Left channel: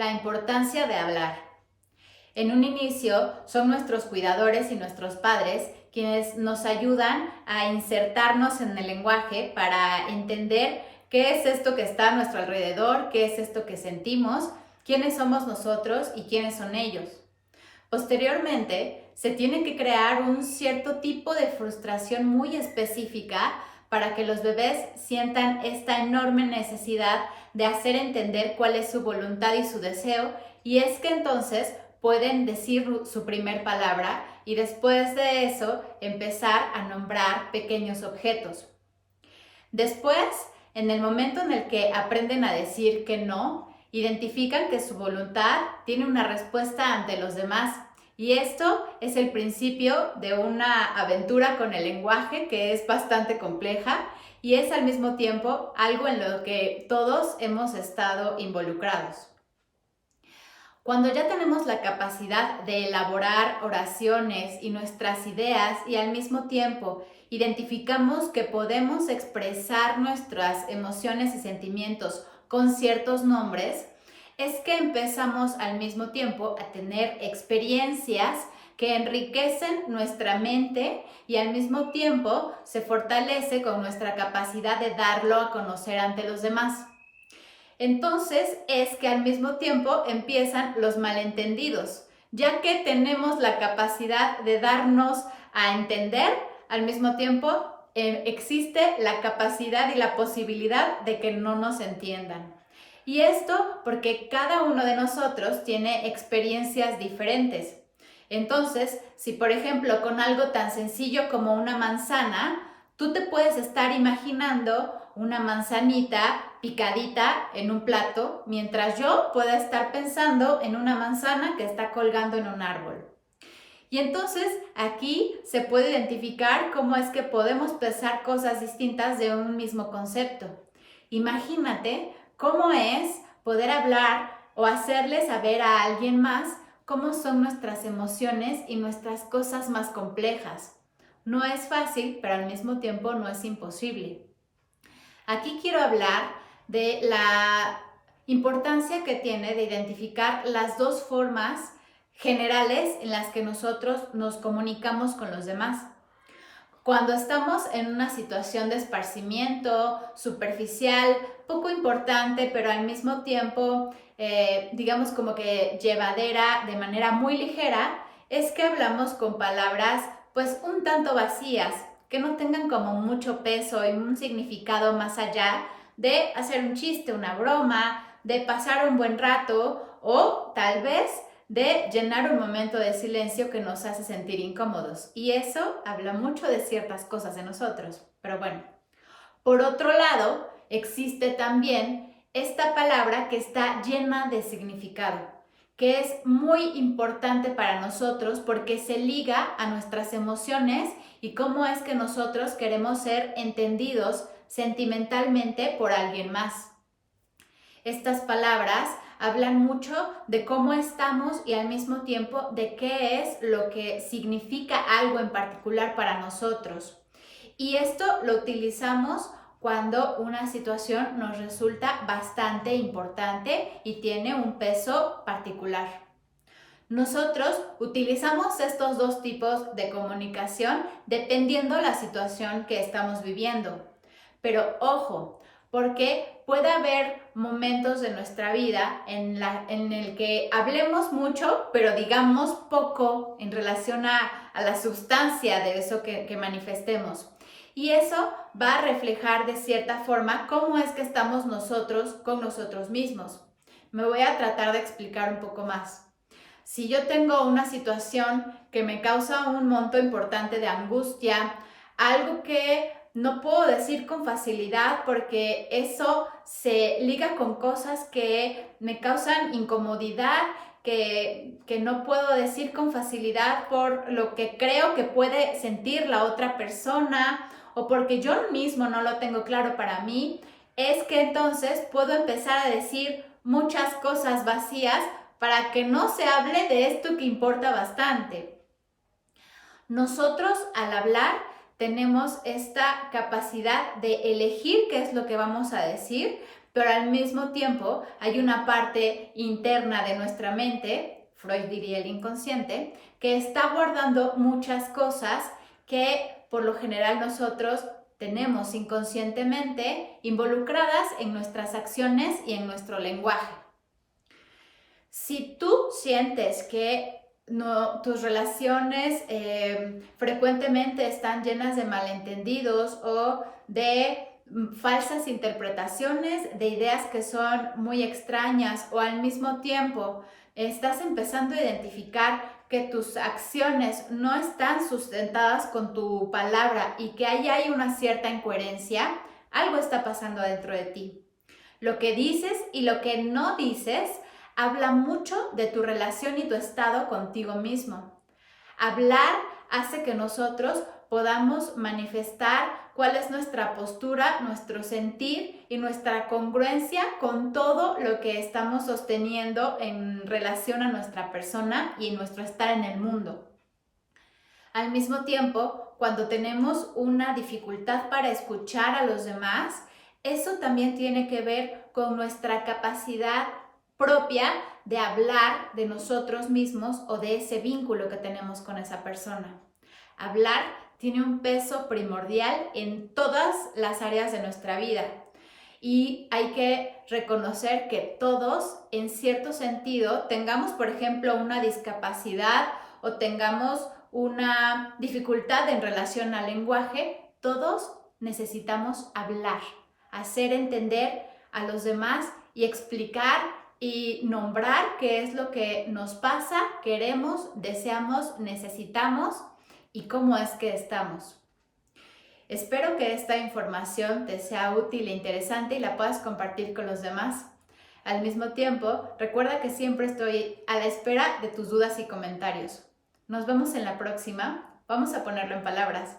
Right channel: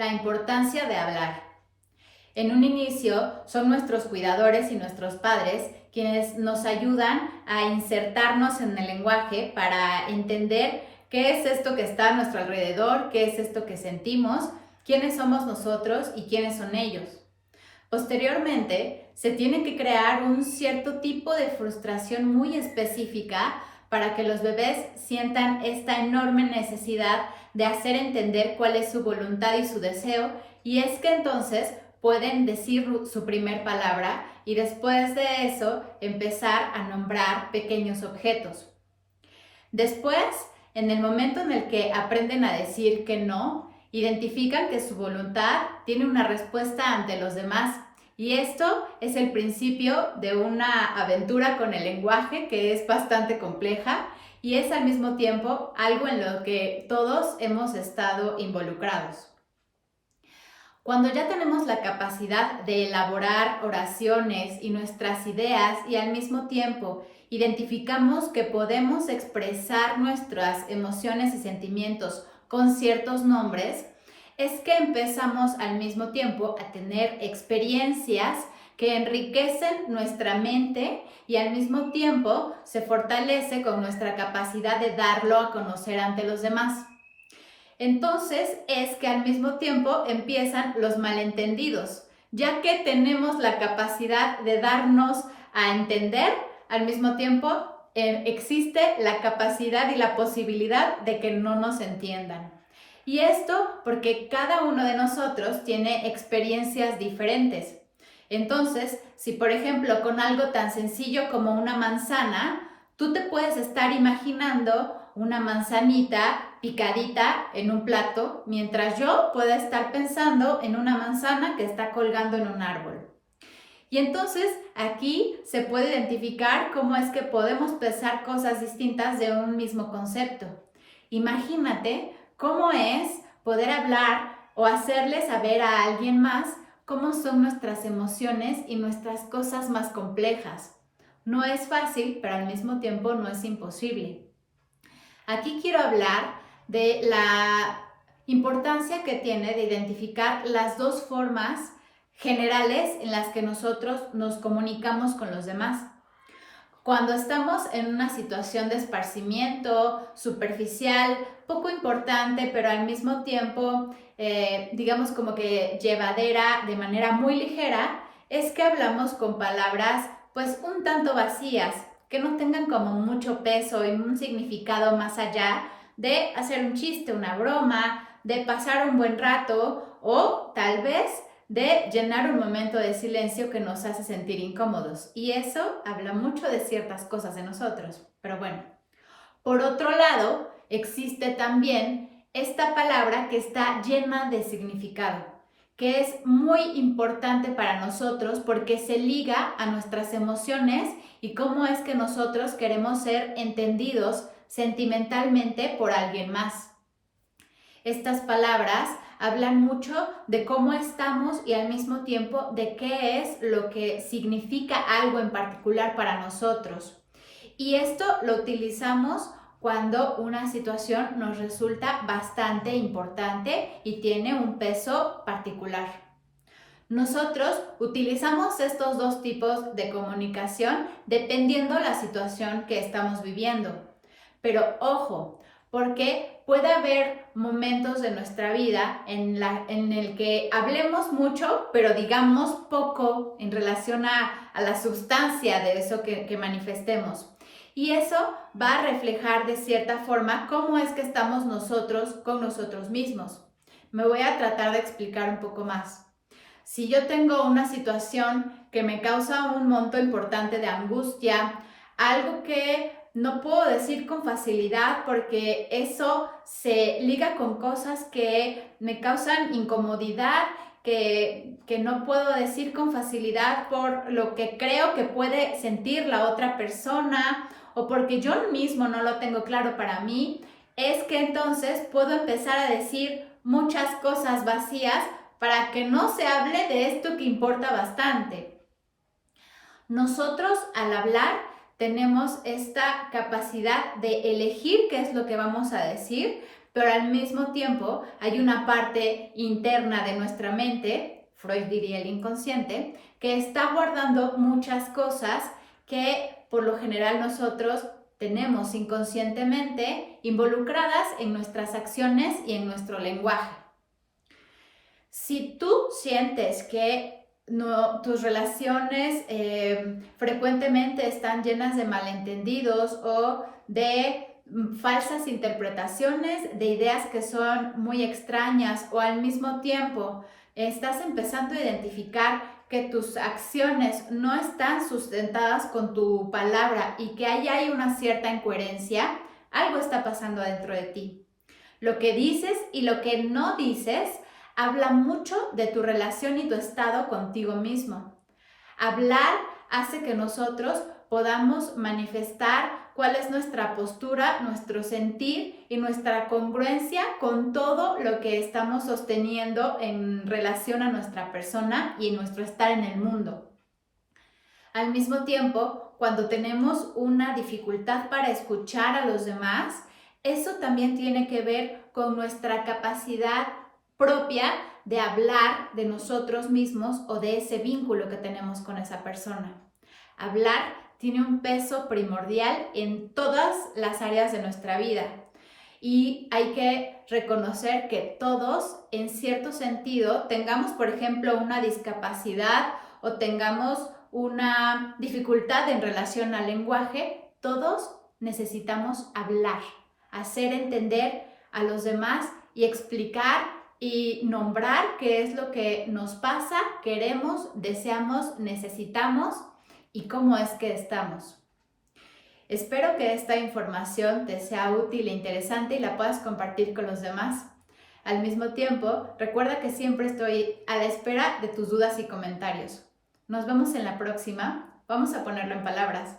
La importancia de hablar. En un inicio son nuestros cuidadores y nuestros padres quienes nos ayudan a insertarnos en el lenguaje para entender qué es esto que está a nuestro alrededor, qué es esto que sentimos, quiénes somos nosotros y quiénes son ellos. Posteriormente, se tiene que crear un cierto tipo de frustración muy específica para que los bebés sientan esta enorme necesidad de hacer entender cuál es su voluntad y su deseo, y es que entonces pueden decir su primer palabra y después de eso empezar a nombrar pequeños objetos. Después, en el momento en el que aprenden a decir que no, identifican que su voluntad tiene una respuesta ante los demás. Y esto es el principio de una aventura con el lenguaje que es bastante compleja y es al mismo tiempo algo en lo que todos hemos estado involucrados. Cuando ya tenemos la capacidad de elaborar oraciones y nuestras ideas y al mismo tiempo identificamos que podemos expresar nuestras emociones y sentimientos con ciertos nombres, es que empezamos al mismo tiempo a tener experiencias que enriquecen nuestra mente y al mismo tiempo se fortalece con nuestra capacidad de darlo a conocer ante los demás. Entonces es que al mismo tiempo empiezan los malentendidos, ya que tenemos la capacidad de darnos a entender, al mismo tiempo existe la capacidad y la posibilidad de que no nos entiendan. Y esto porque cada uno de nosotros tiene experiencias diferentes. Entonces, si por ejemplo con algo tan sencillo como una manzana, tú te puedes estar imaginando una manzanita picadita en un plato, mientras yo pueda estar pensando en una manzana que está colgando en un árbol. Y entonces aquí se puede identificar cómo es que podemos pensar cosas distintas de un mismo concepto. Imagínate cómo es poder hablar o hacerle saber a alguien más cómo son nuestras emociones y nuestras cosas más complejas. No es fácil, pero al mismo tiempo no es imposible. Aquí quiero hablar de la importancia que tiene de identificar las dos formas generales en las que nosotros nos comunicamos con los demás. Cuando estamos en una situación de esparcimiento superficial, poco importante, pero al mismo tiempo, digamos como que llevadera de manera muy ligera, es que hablamos con palabras pues un tanto vacías, que no tengan como mucho peso y un significado más allá de hacer un chiste, una broma, de pasar un buen rato o tal vez de llenar un momento de silencio que nos hace sentir incómodos. Y eso habla mucho de ciertas cosas de nosotros. Pero bueno, por otro lado, existe también esta palabra que está llena de significado, que es muy importante para nosotros porque se liga a nuestras emociones y cómo es que nosotros queremos ser entendidos sentimentalmente por alguien más. Estas palabras hablan mucho de cómo estamos y al mismo tiempo de qué es lo que significa algo en particular para nosotros. Y esto lo utilizamos cuando una situación nos resulta bastante importante y tiene un peso particular. Nosotros utilizamos estos dos tipos de comunicación dependiendo la situación que estamos viviendo. Pero ojo, porque puede haber momentos de nuestra vida en el que hablemos mucho, pero digamos poco en relación a la sustancia de eso que manifestemos. Y eso va a reflejar de cierta forma cómo es que estamos nosotros con nosotros mismos. Me voy a tratar de explicar un poco más. Si yo tengo una situación que me causa un monto importante de angustia, algo que no puedo decir con facilidad porque eso se liga con cosas que me causan incomodidad, que no puedo decir con facilidad por lo que creo que puede sentir la otra persona o porque yo mismo no lo tengo claro para mí, es que entonces puedo empezar a decir muchas cosas vacías para que no se hable de esto que importa bastante. Nosotros al hablar tenemos esta capacidad de elegir qué es lo que vamos a decir, pero al mismo tiempo hay una parte interna de nuestra mente, Freud diría el inconsciente, que está guardando muchas cosas que por lo general nosotros tenemos inconscientemente involucradas en nuestras acciones y en nuestro lenguaje. Si tú sientes que tus relaciones frecuentemente están llenas de malentendidos o de falsas interpretaciones, de ideas que son muy extrañas, o al mismo tiempo estás empezando a identificar que tus acciones no están sustentadas con tu palabra y que ahí hay una cierta incoherencia, algo está pasando dentro de ti. Lo que dices y lo que no dices habla mucho de tu relación y tu estado contigo mismo. Hablar hace que nosotros podamos manifestar cuál es nuestra postura, nuestro sentir y nuestra congruencia con todo lo que estamos sosteniendo en relación a nuestra persona y nuestro estar en el mundo. Al mismo tiempo, cuando tenemos una dificultad para escuchar a los demás, eso también tiene que ver con nuestra capacidad propia de hablar de nosotros mismos o de ese vínculo que tenemos con esa persona. Hablar tiene un peso primordial en todas las áreas de nuestra vida y hay que reconocer que todos, en cierto sentido, tengamos, por ejemplo, una discapacidad o tengamos una dificultad en relación al lenguaje, todos necesitamos hablar, hacer entender a los demás y explicar y nombrar qué es lo que nos pasa, queremos, deseamos, necesitamos y cómo es que estamos. Espero que esta información te sea útil e interesante y la puedas compartir con los demás. Al mismo tiempo, recuerda que siempre estoy a la espera de tus dudas y comentarios. Nos vemos en la próxima. Vamos a ponerlo en palabras.